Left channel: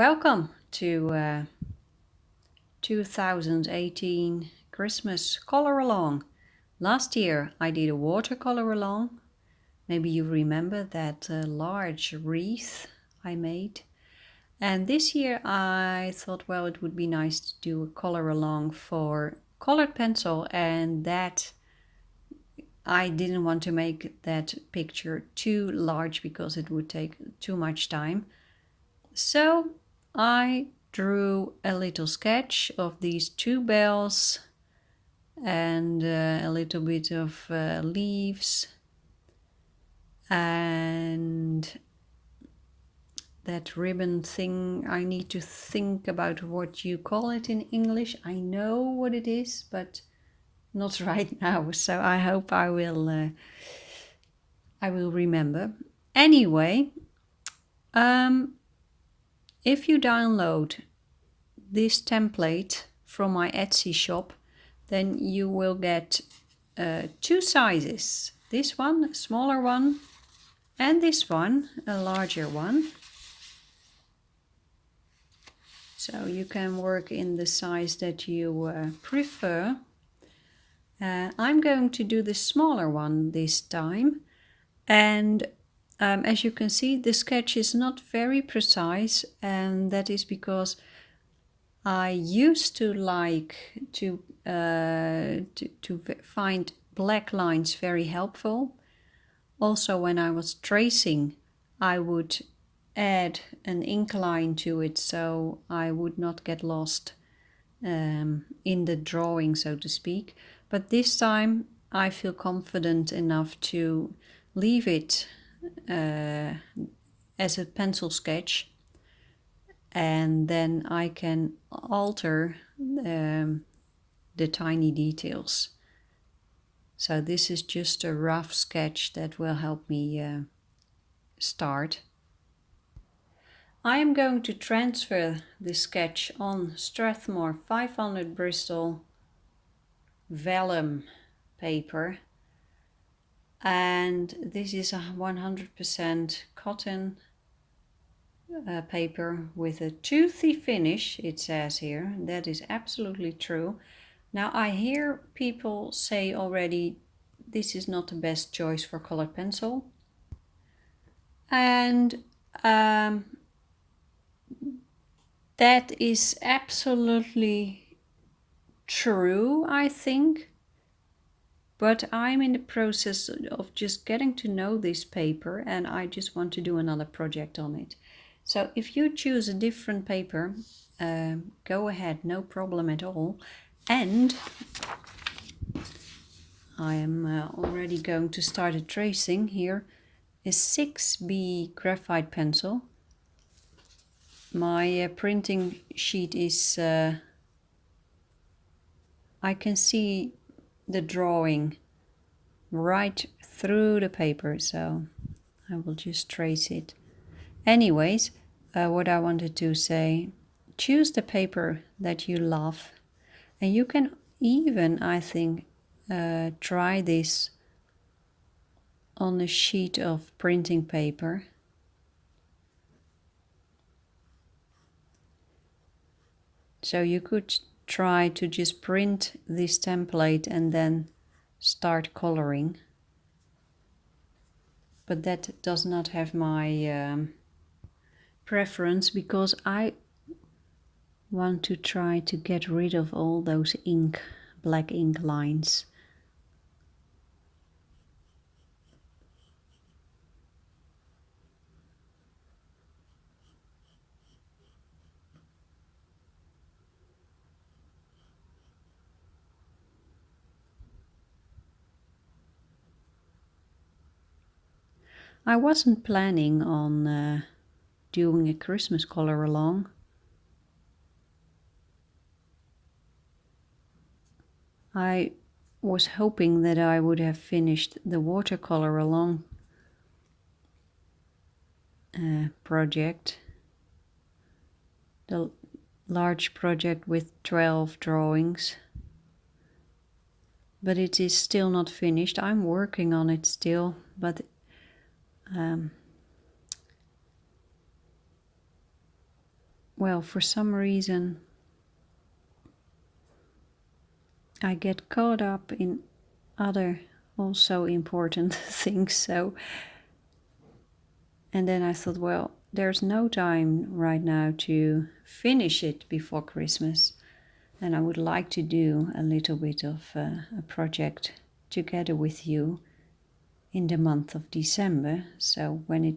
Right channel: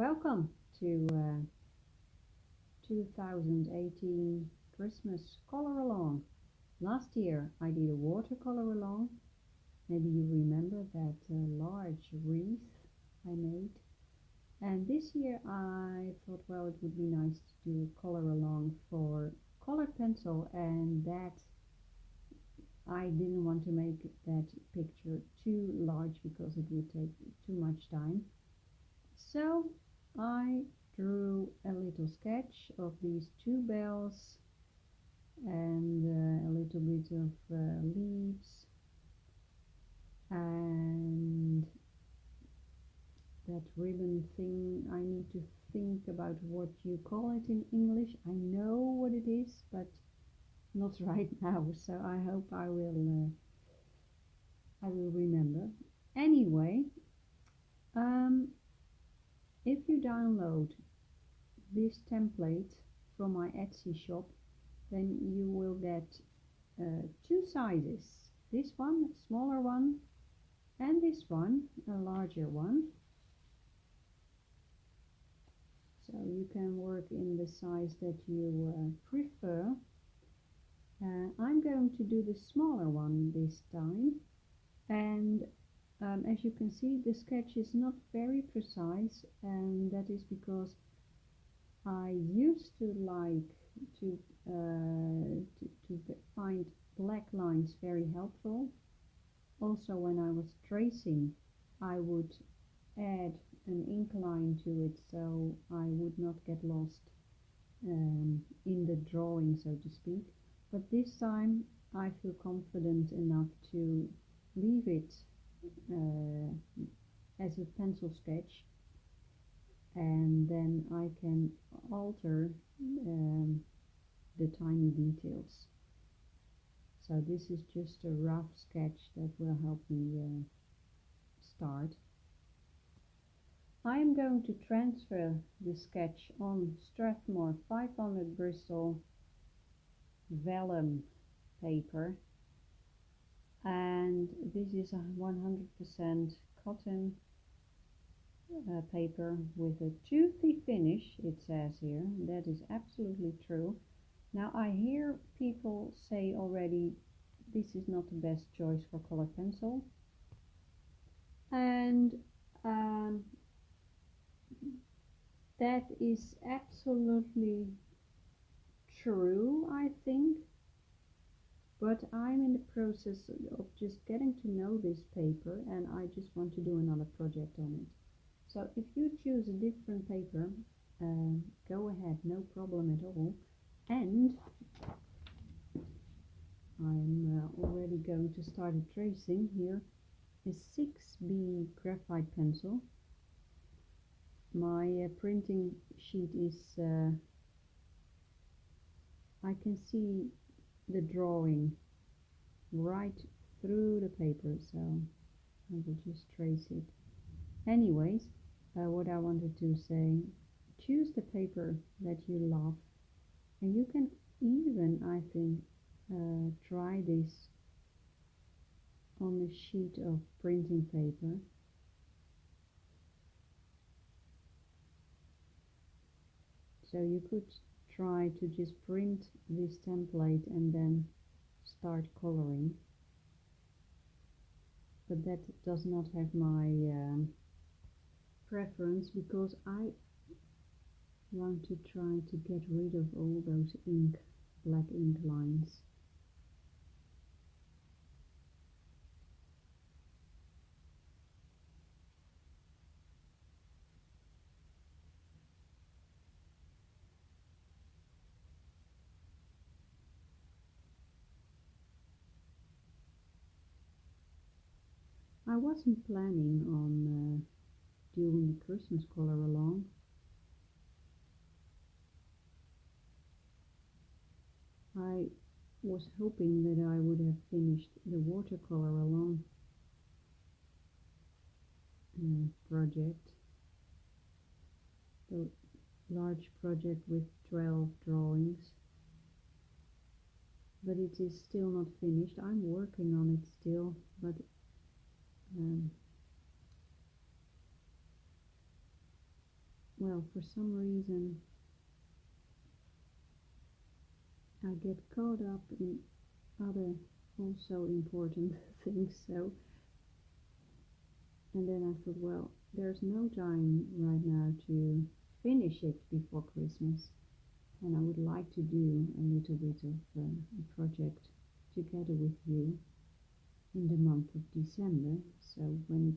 Welcome to 2018 Christmas color along. Last year I did a watercolor along. Maybe you remember that large wreath I made. And this year I thought, well, it would be nice to do a color along for colored pencil, and that I didn't want to make that picture too large because it would take too much time. So I drew a little sketch of these two bells and a little bit of leaves and that ribbon thing. I need to think about what you call it in English. I know what it is, but not right now. So I hope I will remember. Anyway, if you download this template from my Etsy shop, then you will get two sizes. This one, a smaller one, and this one, a larger one. So you can work in the size that you prefer. I'm going to do the smaller one this time. And as you can see, the sketch is not very precise, and that is because I used to like to find black lines very helpful. Also, when I was tracing, I would add an ink line to it so I would not get lost in the drawing, so to speak. But this time I feel confident enough to leave it as a pencil sketch, and then I can alter the tiny details. So this is just a rough sketch that will help me start. I am going to transfer the sketch on Strathmore 500 Bristol vellum paper, and this is a 100% cotton paper with a toothy finish, it says here. That is absolutely true. Now I hear people say already this is not the best choice for colored pencil, and that is absolutely true, I think. But I'm in the process of just getting to know this paper, and I just want to do another project on it. So if you choose a different paper, go ahead, no problem at all. And I am already going to start a tracing. Here is 6B graphite pencil. My printing sheet is, I can see the drawing right through the paper, so I will just trace it. Anyways, what I wanted to say, choose the paper that you love, and you can even, I think, try this on a sheet of printing paper. So you could try to just print this template and then start coloring. But that does not have my preference, because I want to try to get rid of all those black ink lines. I wasn't planning on doing a Christmas color along. I was hoping that I would have finished the watercolor along project, the large project with 12 drawings, but it is still not finished. I'm working on it still, but well, for some reason I get caught up in other also important things, so, and then I thought, well, there's no time right now to finish it before Christmas, and I would like to do a little bit of a project together with you in the month of December. So when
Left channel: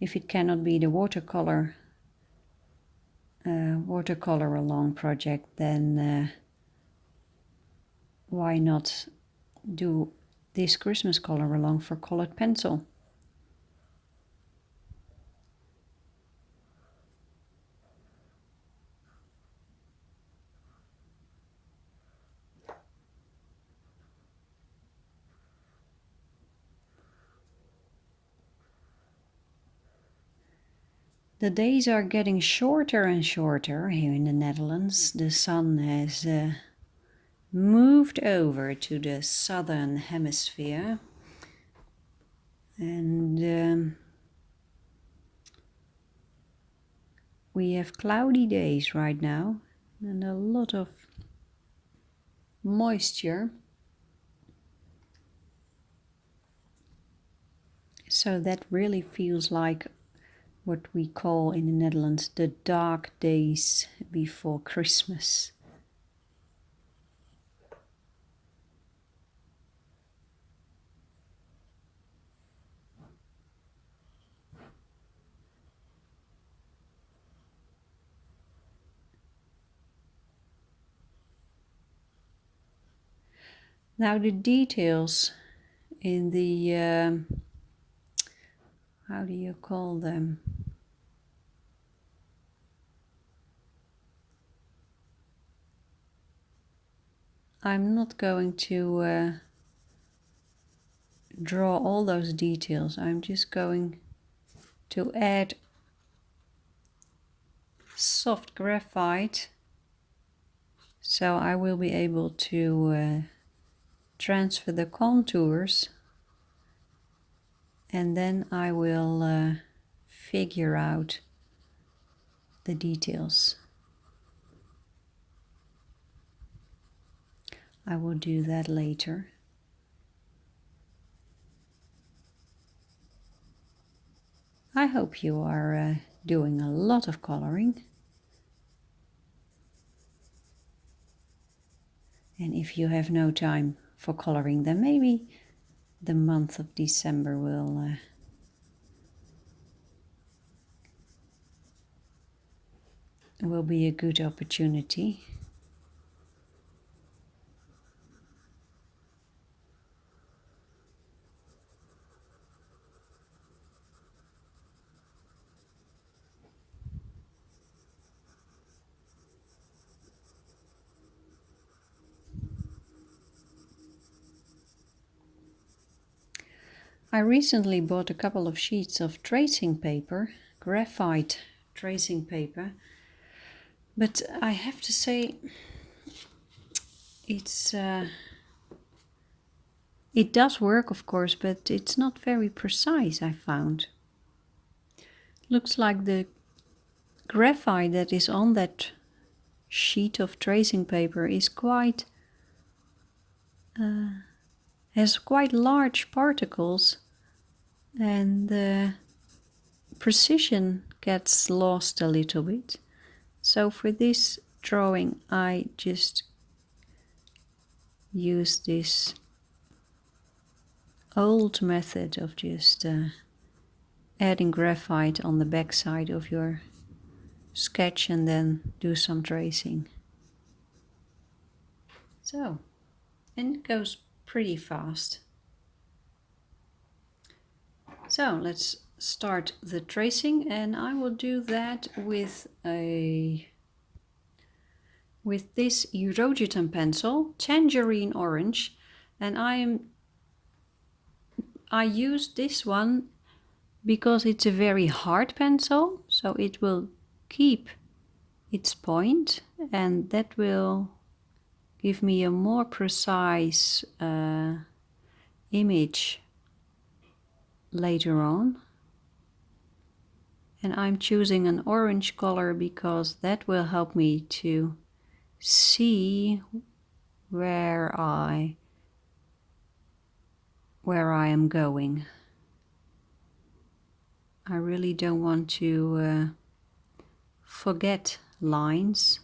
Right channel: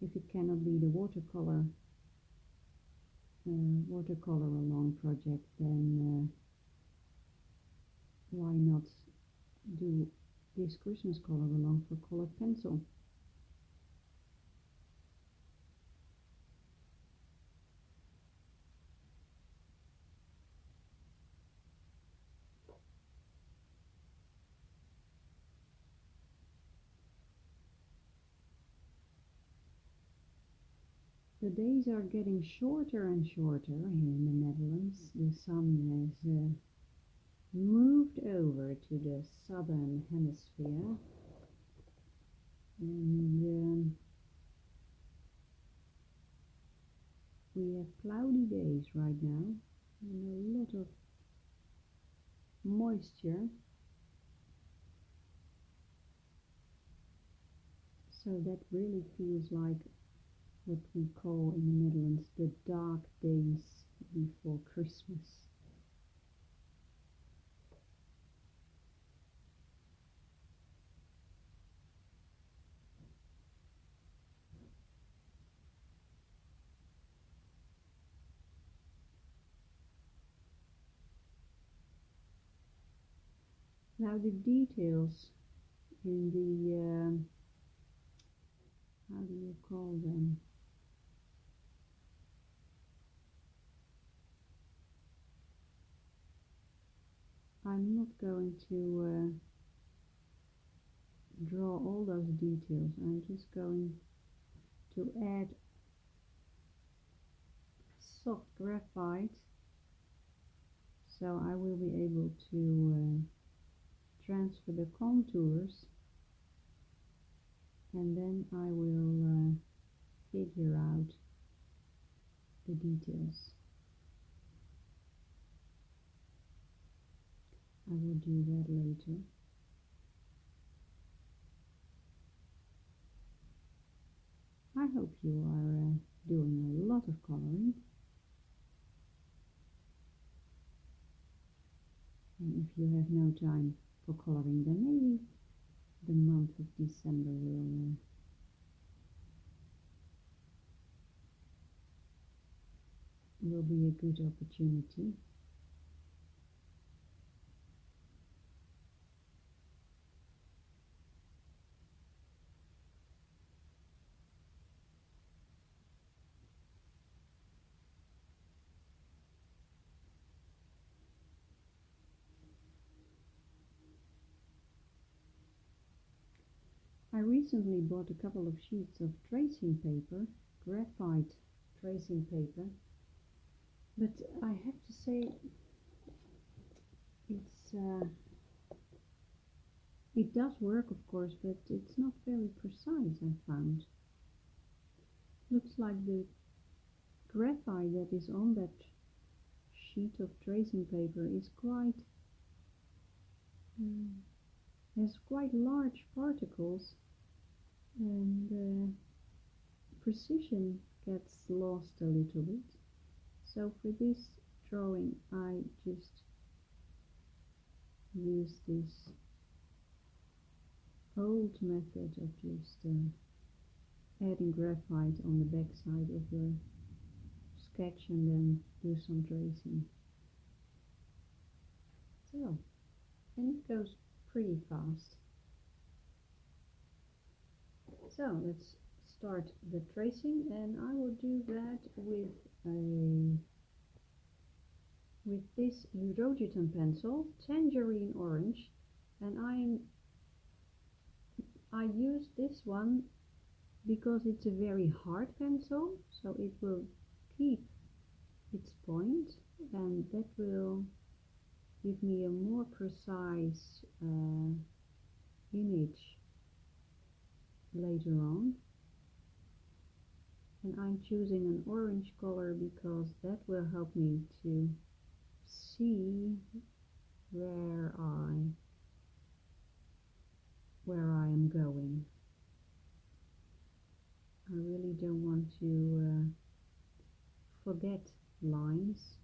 if it cannot be the watercolor along project, then why not do this Christmas color along for colored pencil? The days are getting shorter and shorter here in the Netherlands. The sun has moved over to the southern hemisphere, and we have cloudy days right now and a lot of moisture. So that really feels like what we call in the Netherlands the dark days before Christmas. Now the details in the, how do you call them? I'm not going to draw all those details. I'm just going to add soft graphite, so I will be able to transfer the contours, and then I will figure out the details. I will do that later. I hope you are doing a lot of coloring. And if you have no time for coloring, then maybe the month of December will be a good opportunity. I recently bought a couple of sheets of tracing paper, graphite tracing paper, but I have to say it does work, of course, but it's not very precise, I found. Looks like the graphite that is on that sheet of tracing paper is quite has quite large particles, and the precision gets lost a little bit. So for this drawing I just use this old method of just adding graphite on the back side of your sketch and then do some tracing. So, and it goes pretty fast. So let's start the tracing, and I will do that with this Luminance pencil, tangerine orange, and I use this one because it's a very hard pencil, so it will keep its point, and that will give me a more precise image later on. And I'm choosing an orange color because that will help me to see where I am going. I really don't want to forget lines.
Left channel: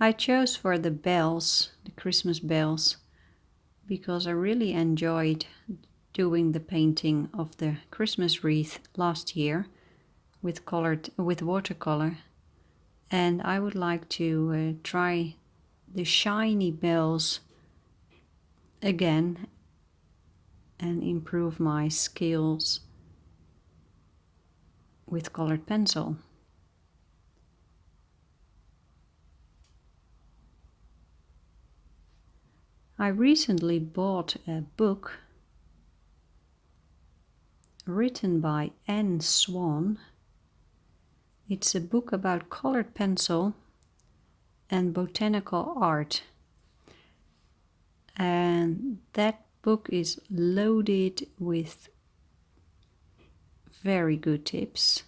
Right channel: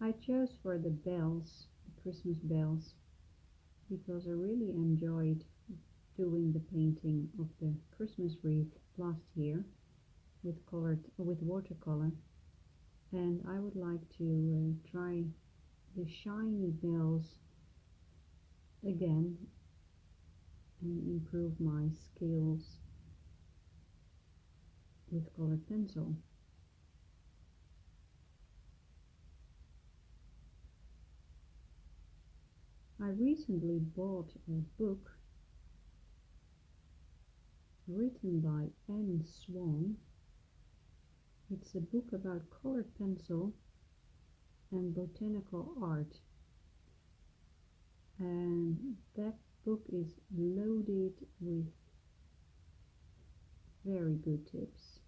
I chose for the bells, the Christmas bells, because I really enjoyed doing the painting of the Christmas wreath last year with watercolor, and I would like to try the shiny bells again and improve my skills with colored pencil. I recently bought a book written by Anne Swan. It's a book about colored pencil and botanical art. And that book is loaded with very good tips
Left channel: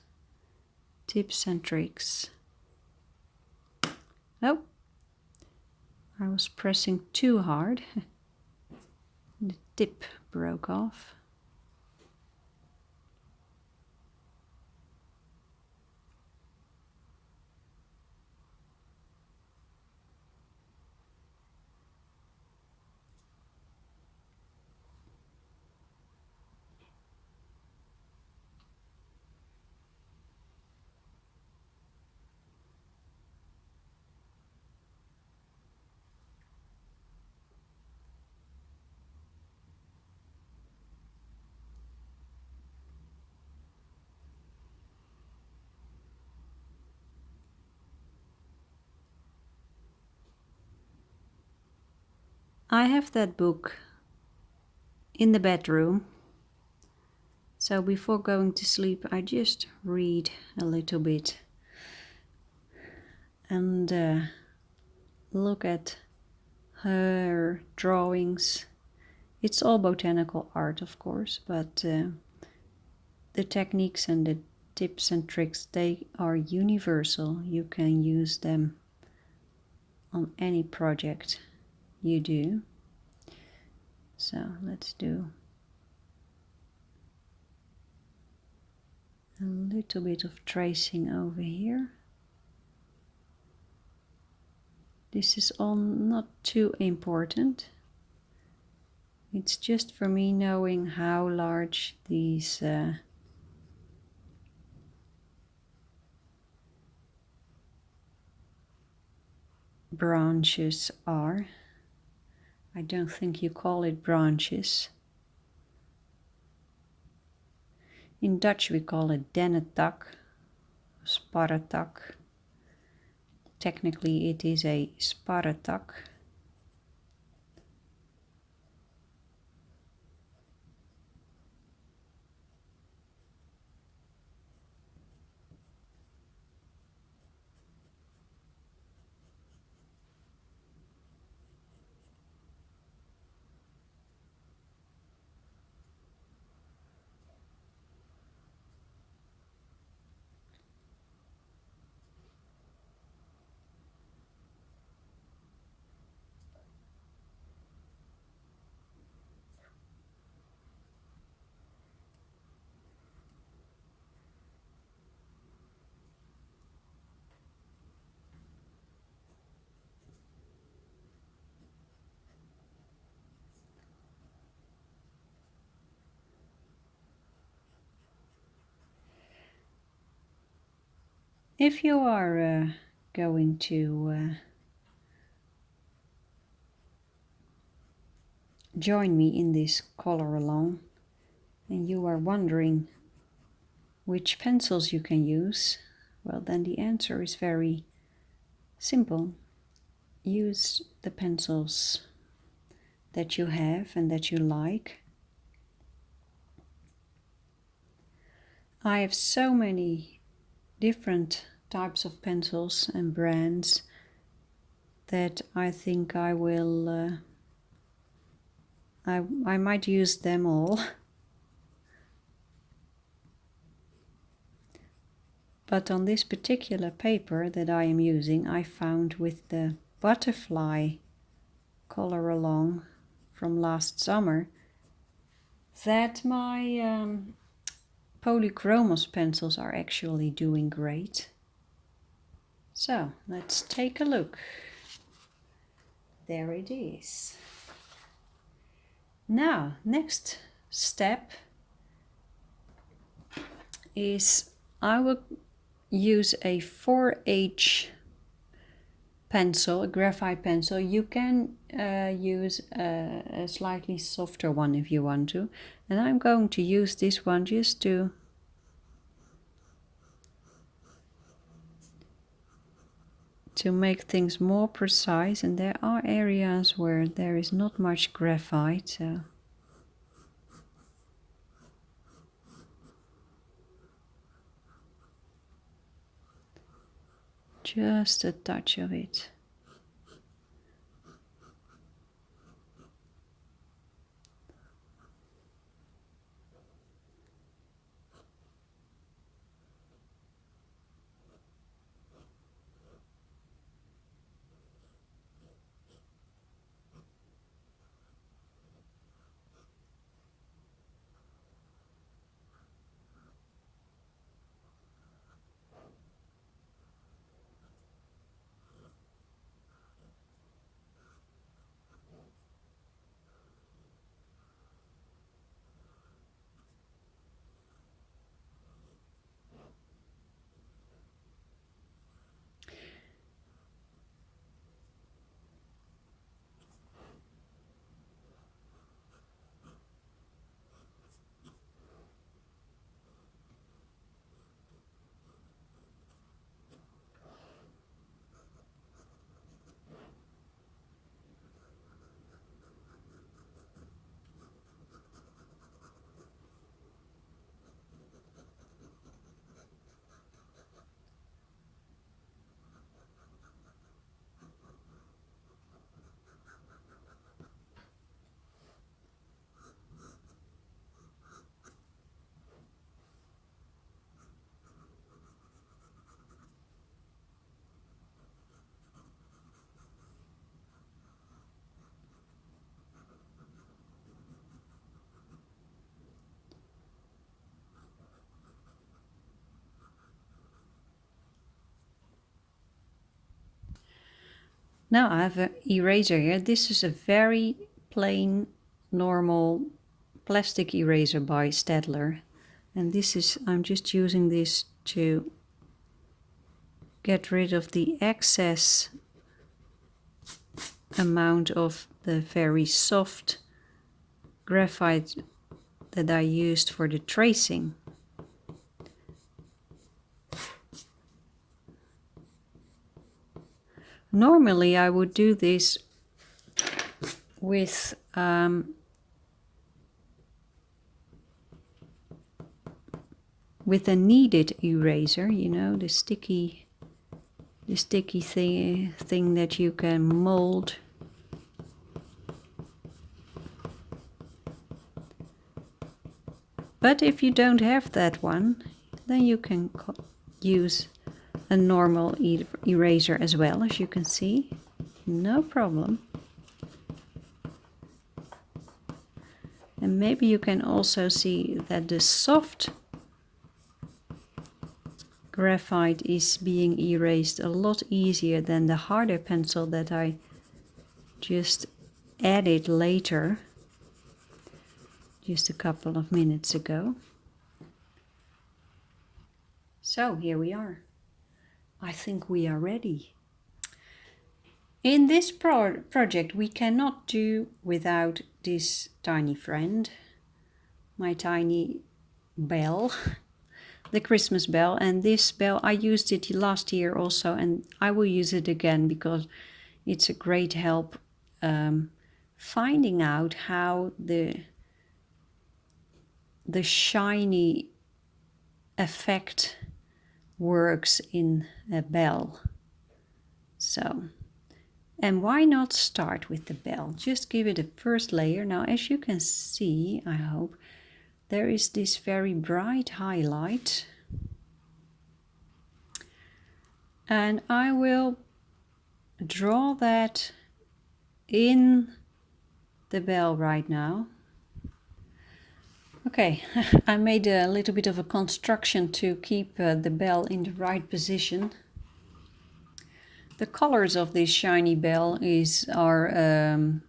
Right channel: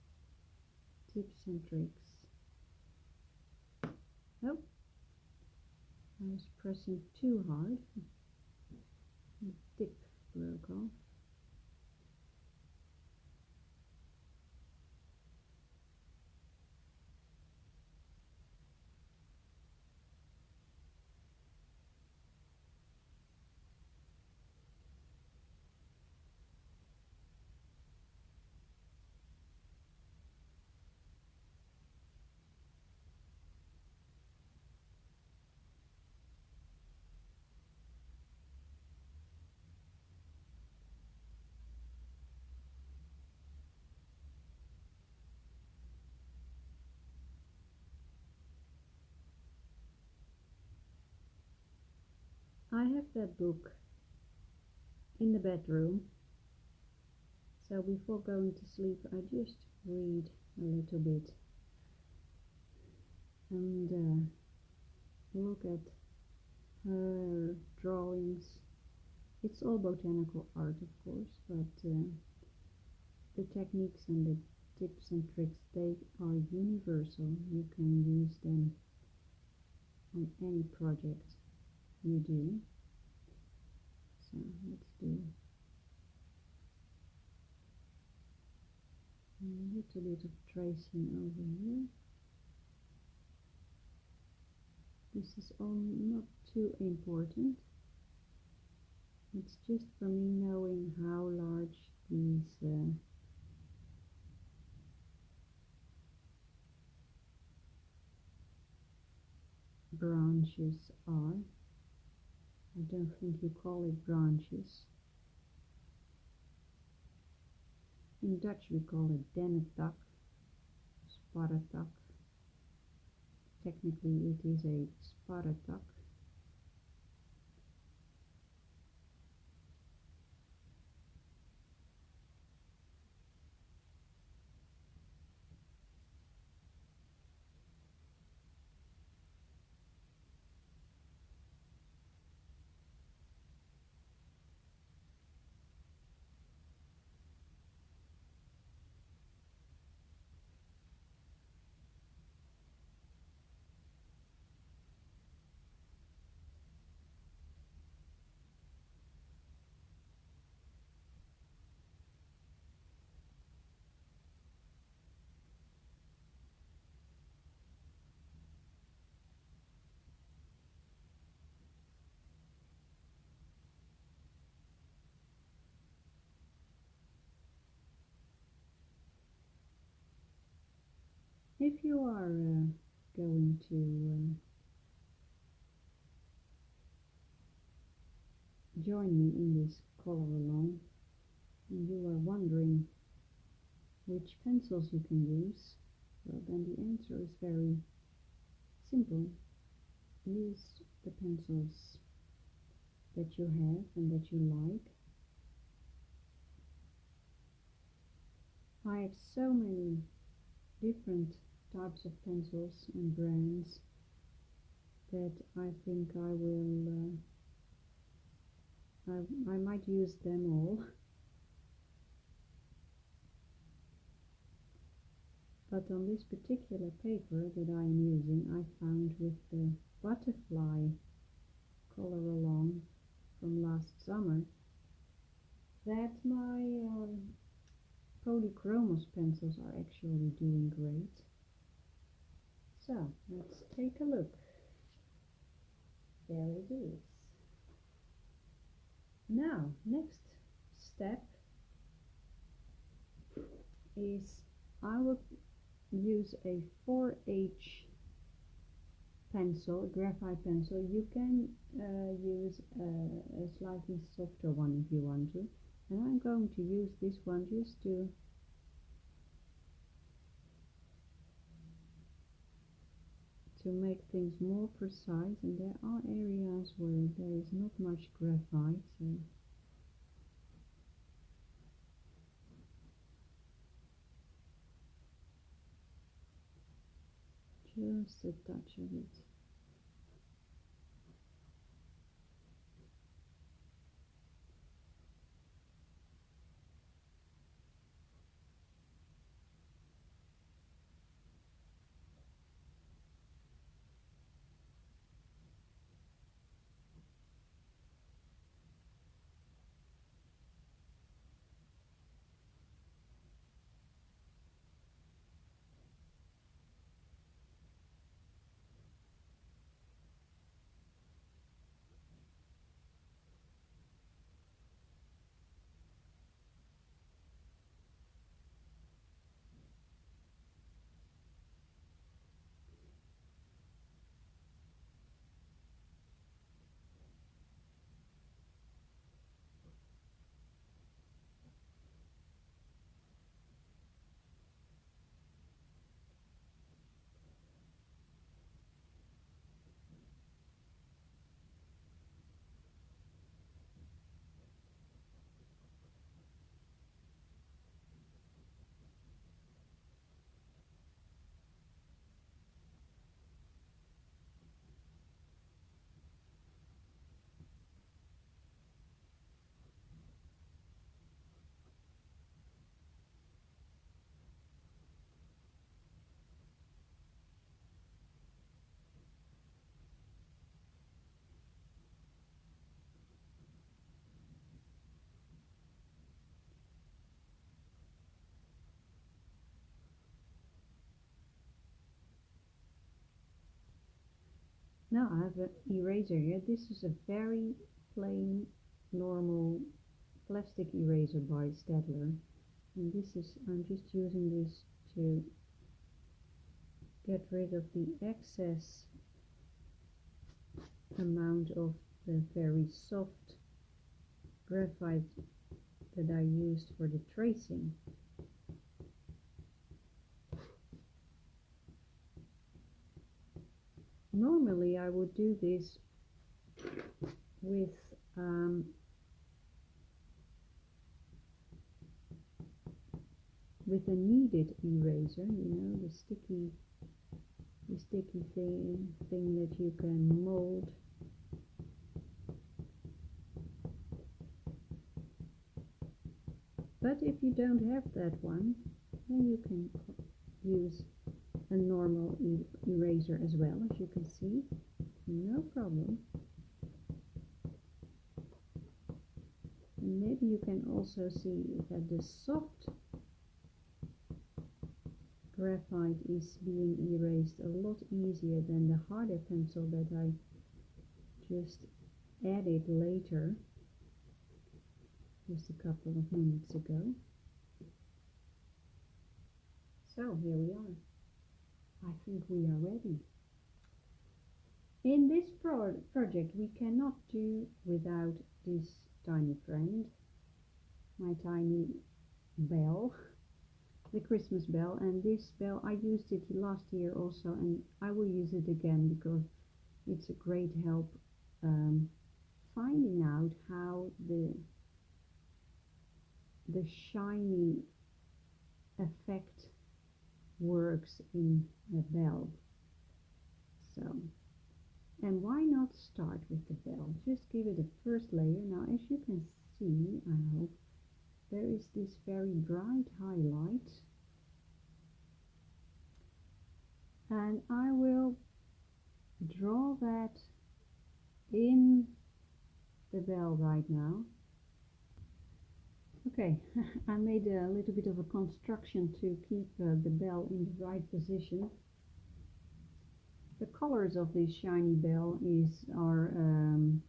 and tricks. Oh, I was pressing too hard. The tip broke off. I have that book in the bedroom, so before going to sleep I just read a little bit and look at her drawings. It's all botanical art, of course, but the techniques and the tips and tricks, they are universal. You can use them on any project you do. So let's do a little bit of tracing over here. This is all not too important. It's just for me knowing how large these branches are. I don't think you call it branches. In Dutch we call it dennetak, sparretak. Technically it is a sparretak. If you are going to join me in this color along and you are wondering which pencils you can use, well, then the answer is very simple. Use the pencils that you have and that you like. I have so many different types of pencils and brands that I think I will I might use them all. But on this particular paper that I am using, I found with the butterfly color along from last summer that my Polychromos pencils are actually doing great. So let's take a look. There it is. Now, next step is I will use a 4H pencil, a graphite pencil. You can use a slightly softer one if you want to. And I'm going to use this one just to make things more precise. And there are areas where there is not much graphite, so just a touch of it. Now I have an eraser here. This is a very plain, normal plastic eraser by Staedtler. And this is, I'm just using this to get rid of the excess amount of the very soft graphite that I used for the tracing. Normally I would do this with a kneaded eraser, you know, the sticky thing that you can mold. But if you don't have that one, then you can use a normal eraser as well, as you can see, no problem. And maybe you can also see that the soft graphite is being erased a lot easier than the harder pencil that I just added later, just a couple of minutes ago. So here we are. I think we are ready. In this project we cannot do without this tiny friend, my tiny bell, the Christmas bell. And this bell, I used it last year also, and I will use it again because it's a great help finding out how the shiny effect works in a bell. So, and why not start with the bell? Just give it a first layer. Now, as you can see, I hope, there is this very bright highlight. And I will draw that in the bell right now. Okay, I made a little bit of a construction to keep the bell in the right position. The colors of this shiny bell are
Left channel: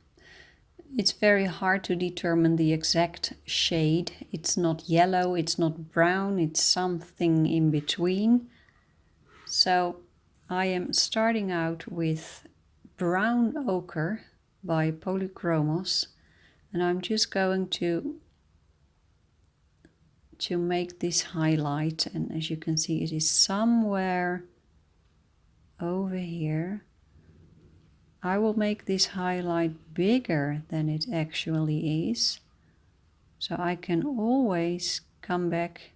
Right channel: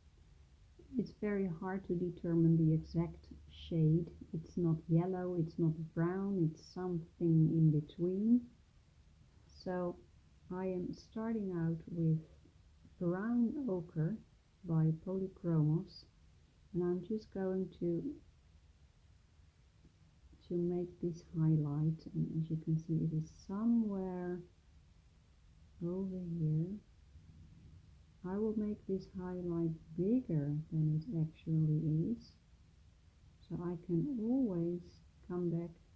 it's very hard to determine the exact shade. It's not yellow, it's not brown, it's something in between. So I am starting out with brown ochre by Polychromos, and I'm just going to make this highlight, and as you can see it is somewhere over here. I will make this highlight bigger than it actually is, so I can always come back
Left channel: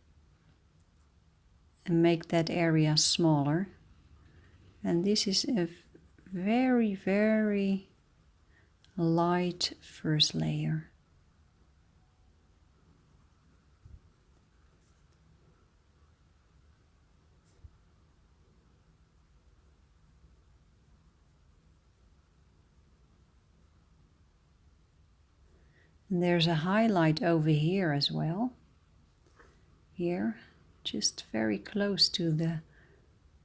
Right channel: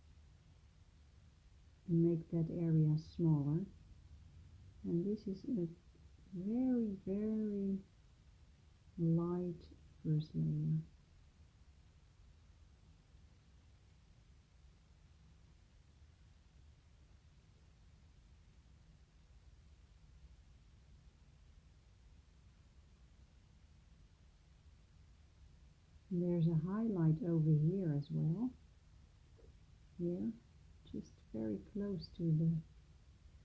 and make that area smaller. And this is a very, very light first layer. And there's a highlight over here as well. Here, just very close to the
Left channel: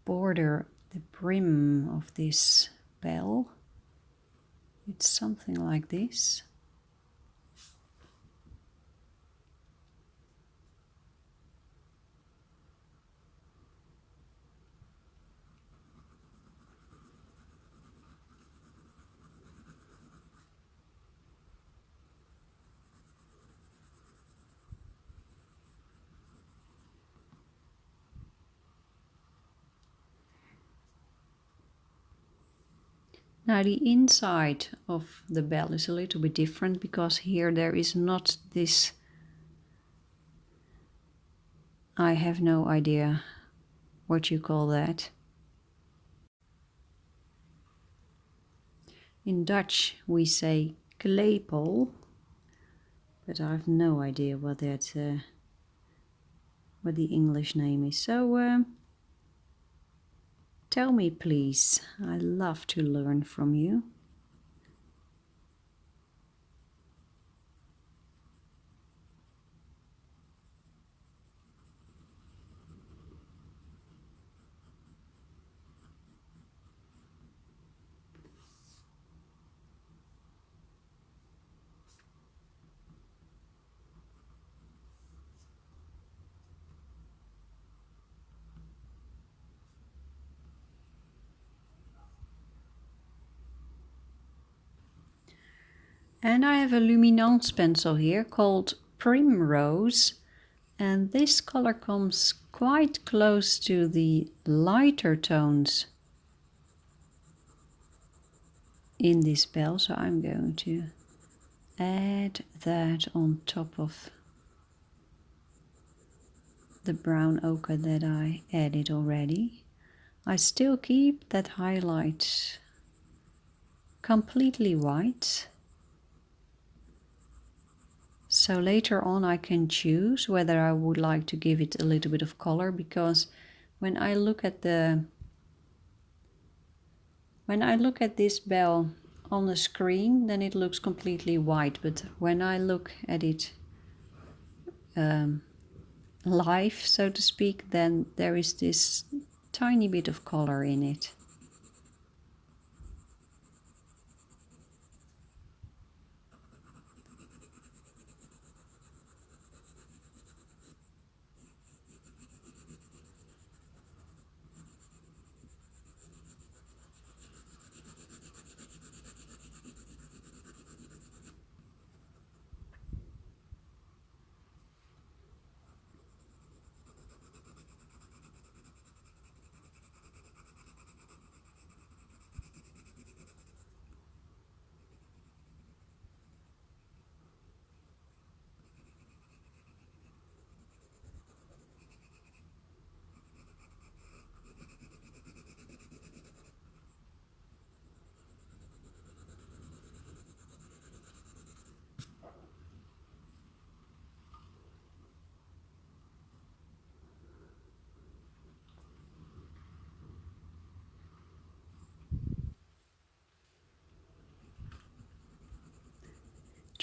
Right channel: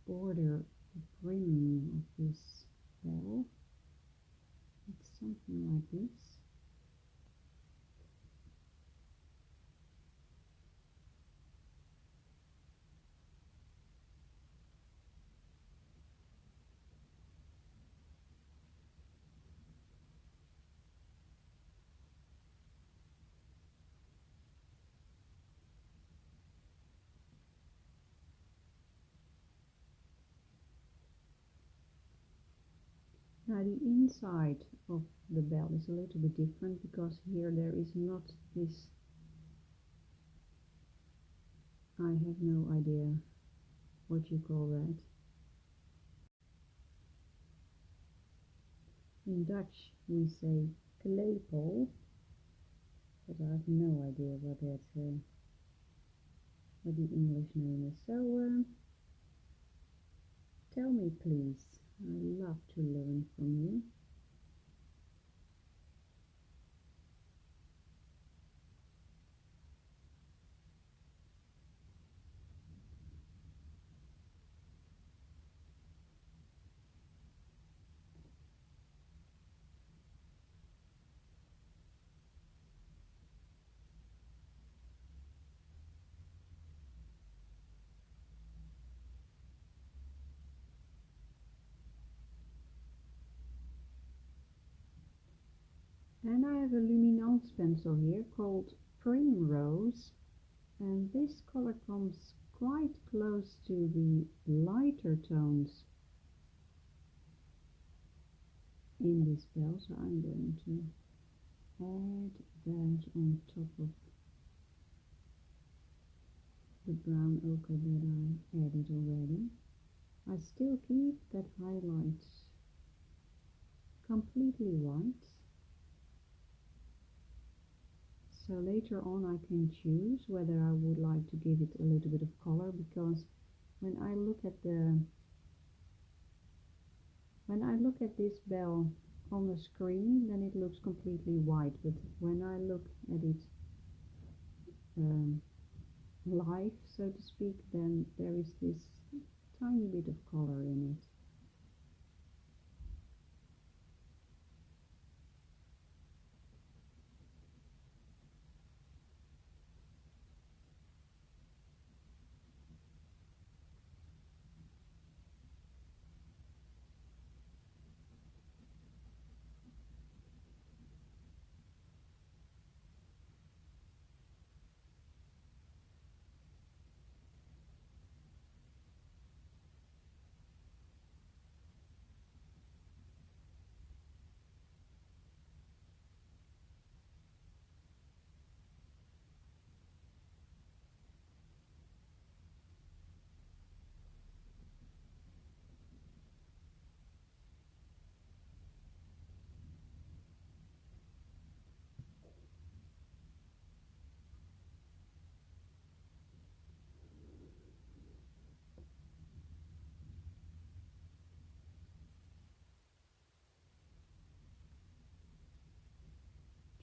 border, the brim of this bell. It's something like this. Now the inside of the bell is a little bit different, because here there is not this, I have no idea what you call that. In Dutch we say klepel, but I have no idea what that what the English name is. So tell me please, I love to learn from you. And I have a Luminance pencil here called Primrose, and this color comes quite close to the lighter tones in this bell, so I'm going to add that on top of the brown ochre that I added already. I still keep that highlight completely white. So later on I can choose whether I would like to give it a little bit of color, because when I look at this bell on the screen, then it looks completely white, but when I look at it live, so to speak, then there is this tiny bit of color in it.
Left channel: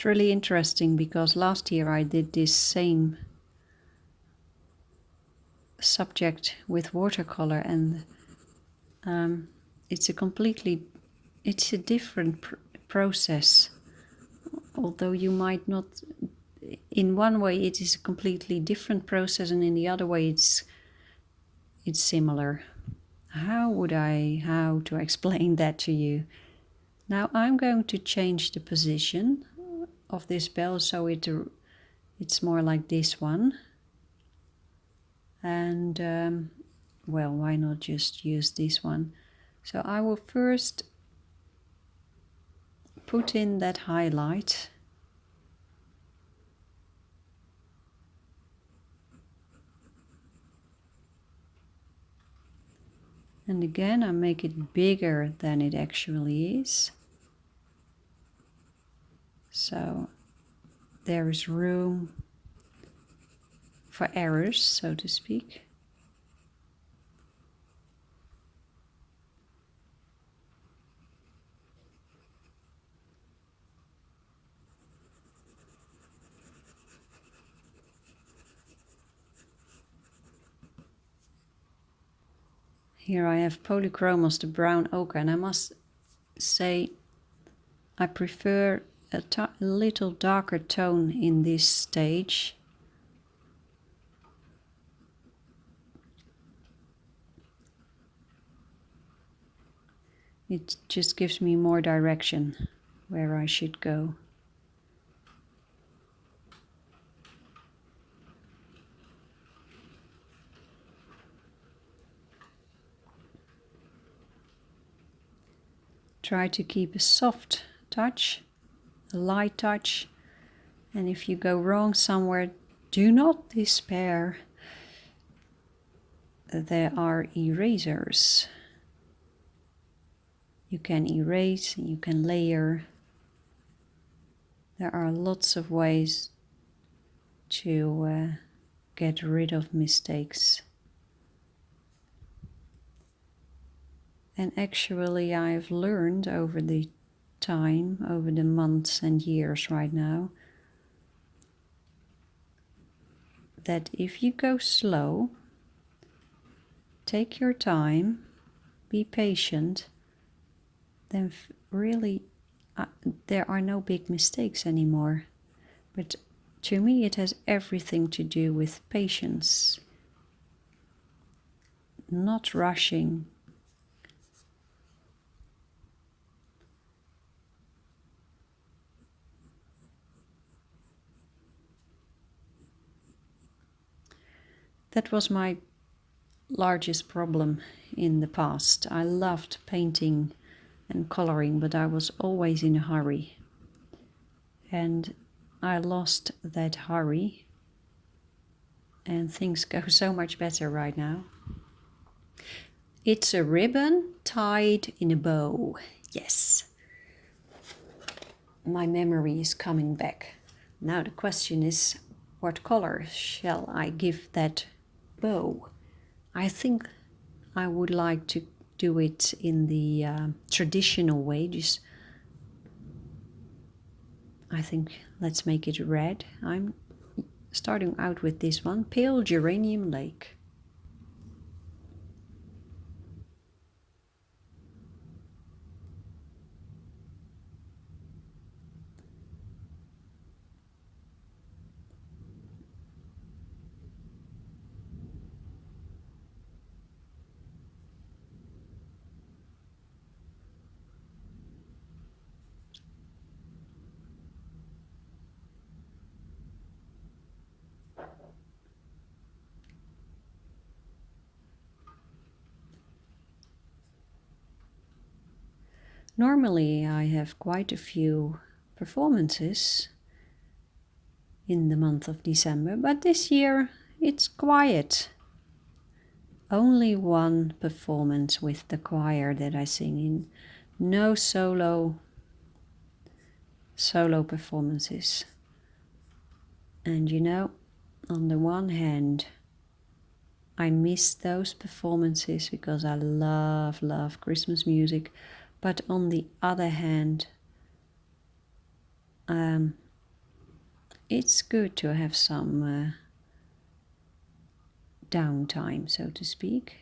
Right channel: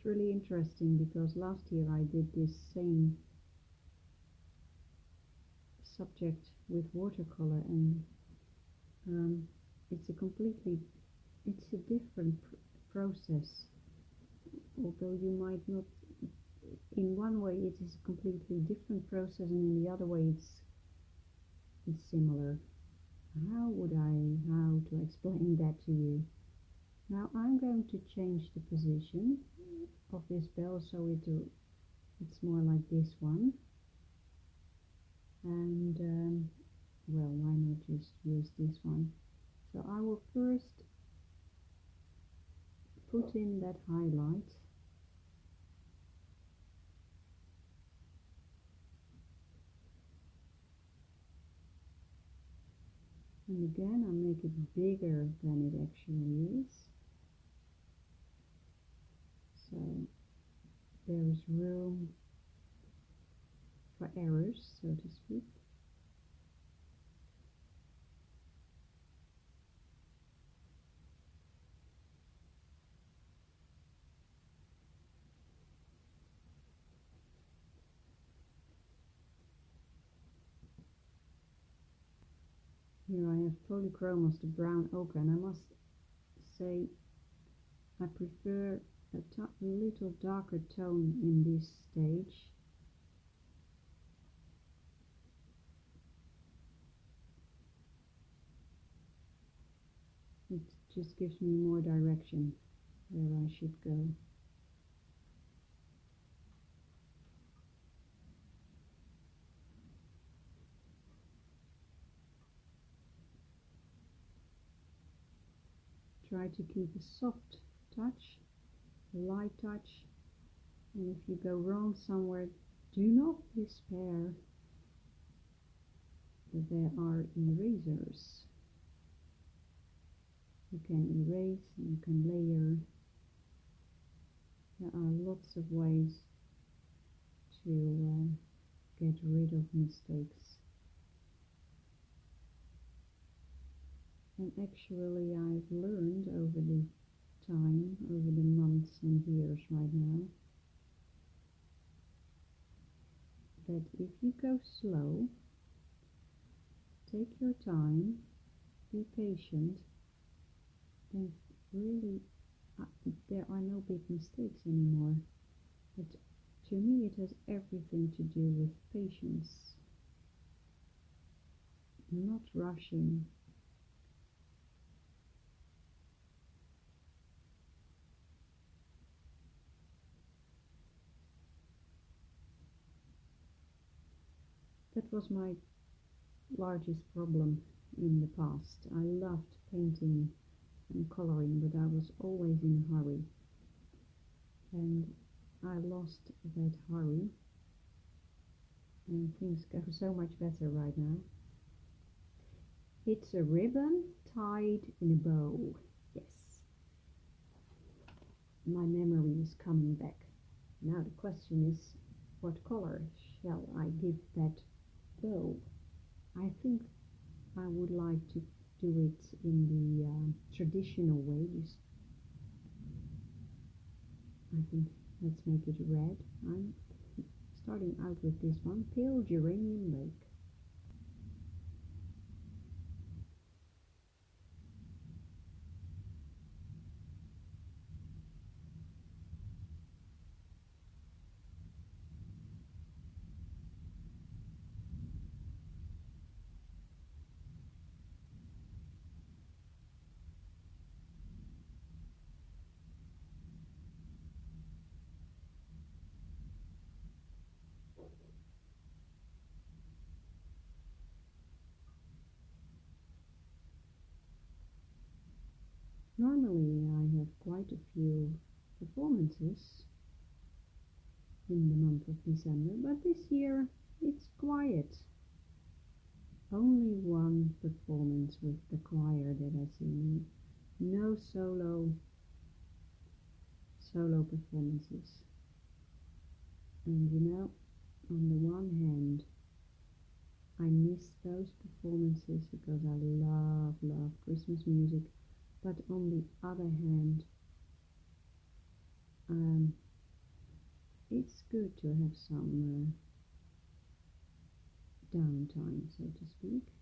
It's really interesting because last year I did this same subject with watercolor, and it's a different process. Although you might not, in one way it is a completely different process, and in the other way it's similar. How to explain that to you? Now I'm going to change the position of this bell so it's more like this one. And well, why not just use this one? So I will first put in that highlight. And again, I make it bigger than it actually is. So there is room for errors, so to speak. Here I have Polychromos, the brown ochre, and I must say I prefer a little darker tone in this stage. It just gives me more direction where I should go. Try to keep a soft touch, a light touch, and if you go wrong somewhere, do not despair. There are erasers. You can erase, you can layer. There are lots of ways to get rid of mistakes. And actually I've learned over the time, over the months and years right now, that if you go slow, take your time, be patient, then really there are no big mistakes anymore. But to me it has everything to do with patience, not rushing. That was my largest problem in the past. I loved painting and coloring, but I was always in a hurry. And I lost that hurry, and things go so much better right now. It's a ribbon tied in a bow. Yes. My memory is coming back. Now the question is, what color shall I give that bow? I think I would like to do it in the traditional way. Just, I think let's make it red. I'm starting out with this one, Pale Geranium Lake. Normally I have quite a few performances in the month of December, but this year it's quiet. Only one performance with the choir that I sing in. No solo performances. And you know, on the one hand, I miss those performances because I love Christmas music. But on the other hand, it's good to have some downtime, so to speak.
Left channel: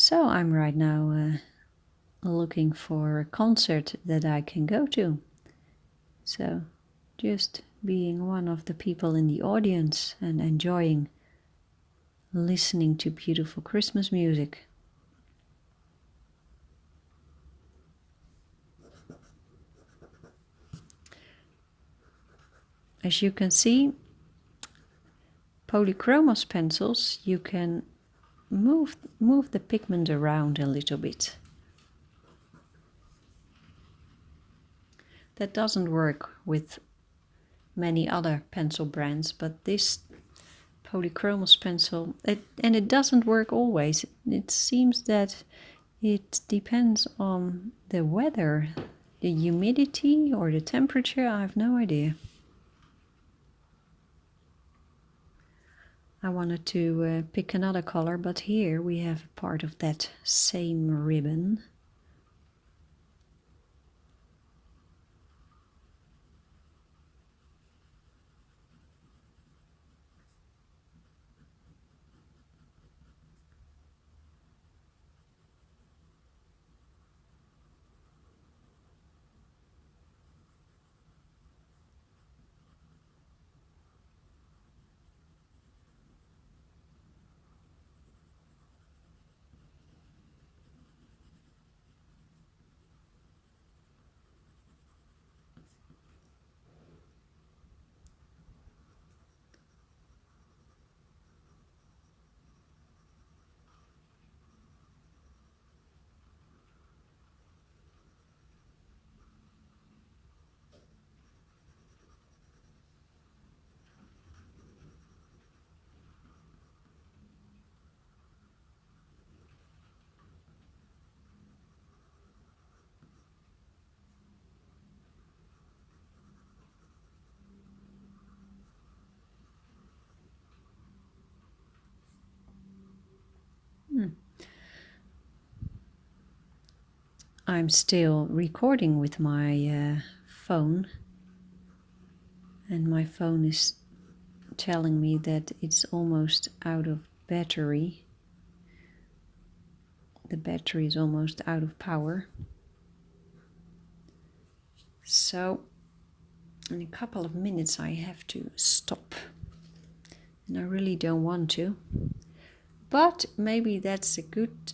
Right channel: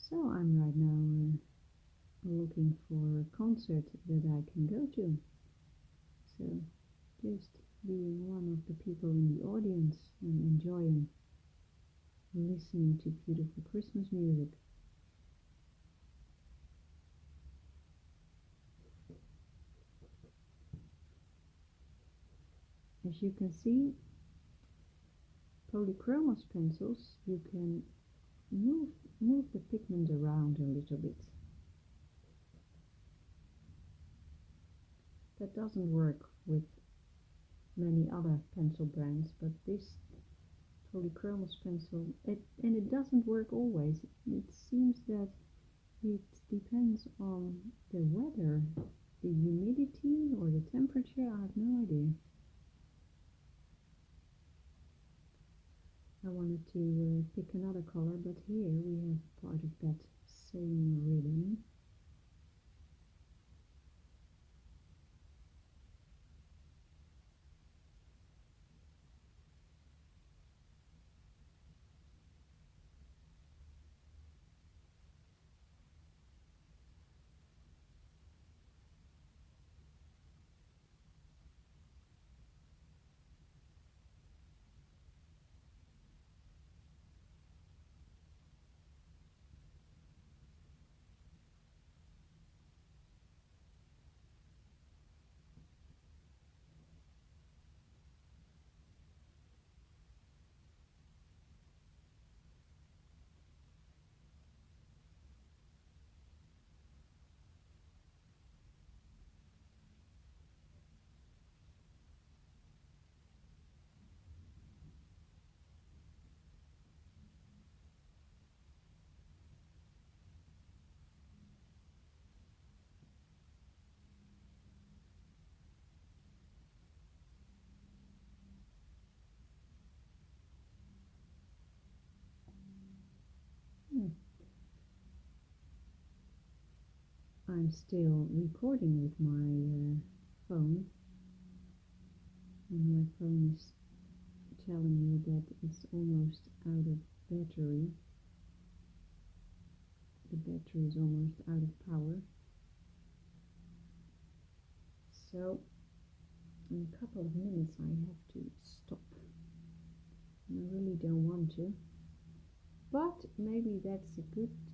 So I'm right now looking for a concert that I can go to. So just being one of the people in the audience and enjoying listening to beautiful Christmas music. As you can see, Polychromos pencils, you can move the pigment around a little bit. That doesn't work with many other pencil brands, but this Polychromos pencil, it doesn't work always. It seems that it depends on the weather, the humidity or the temperature, I have no idea. I wanted to pick another color, but here we have part of that same ribbon. I'm still recording with my phone, and my phone is telling me that it's almost out of battery. The battery is almost out of power. So in a couple of minutes I have to stop. And I really don't want to. But maybe that's a good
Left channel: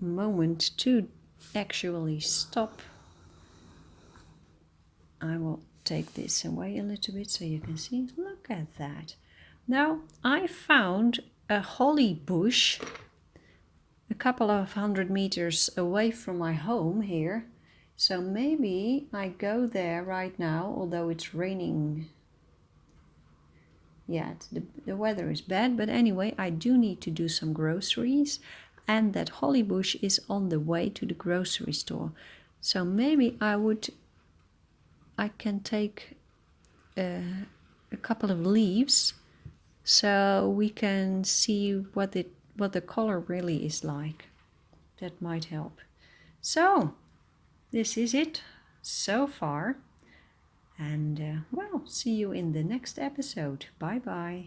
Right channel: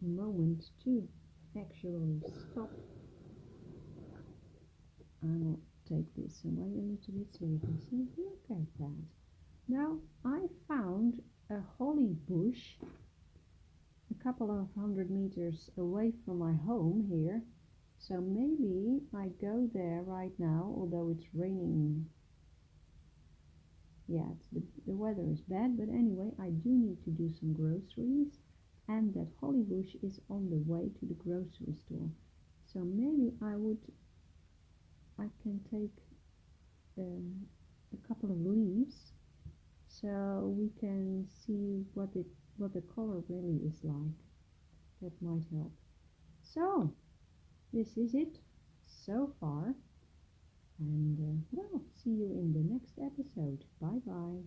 moment to actually stop. I will take this away a little bit so you can see. Look at that. Now I found a holly bush a couple of 100 meters away from my home here. So maybe I go there right now, although it's raining. Yeah, the weather is bad, but anyway, I do need to do some groceries, and that holly bush is on the way to the grocery store. So maybe I can take a couple of leaves so we can see what the color really is like. That might help. So this is it so far, and well, see you in the next episode. Bye bye.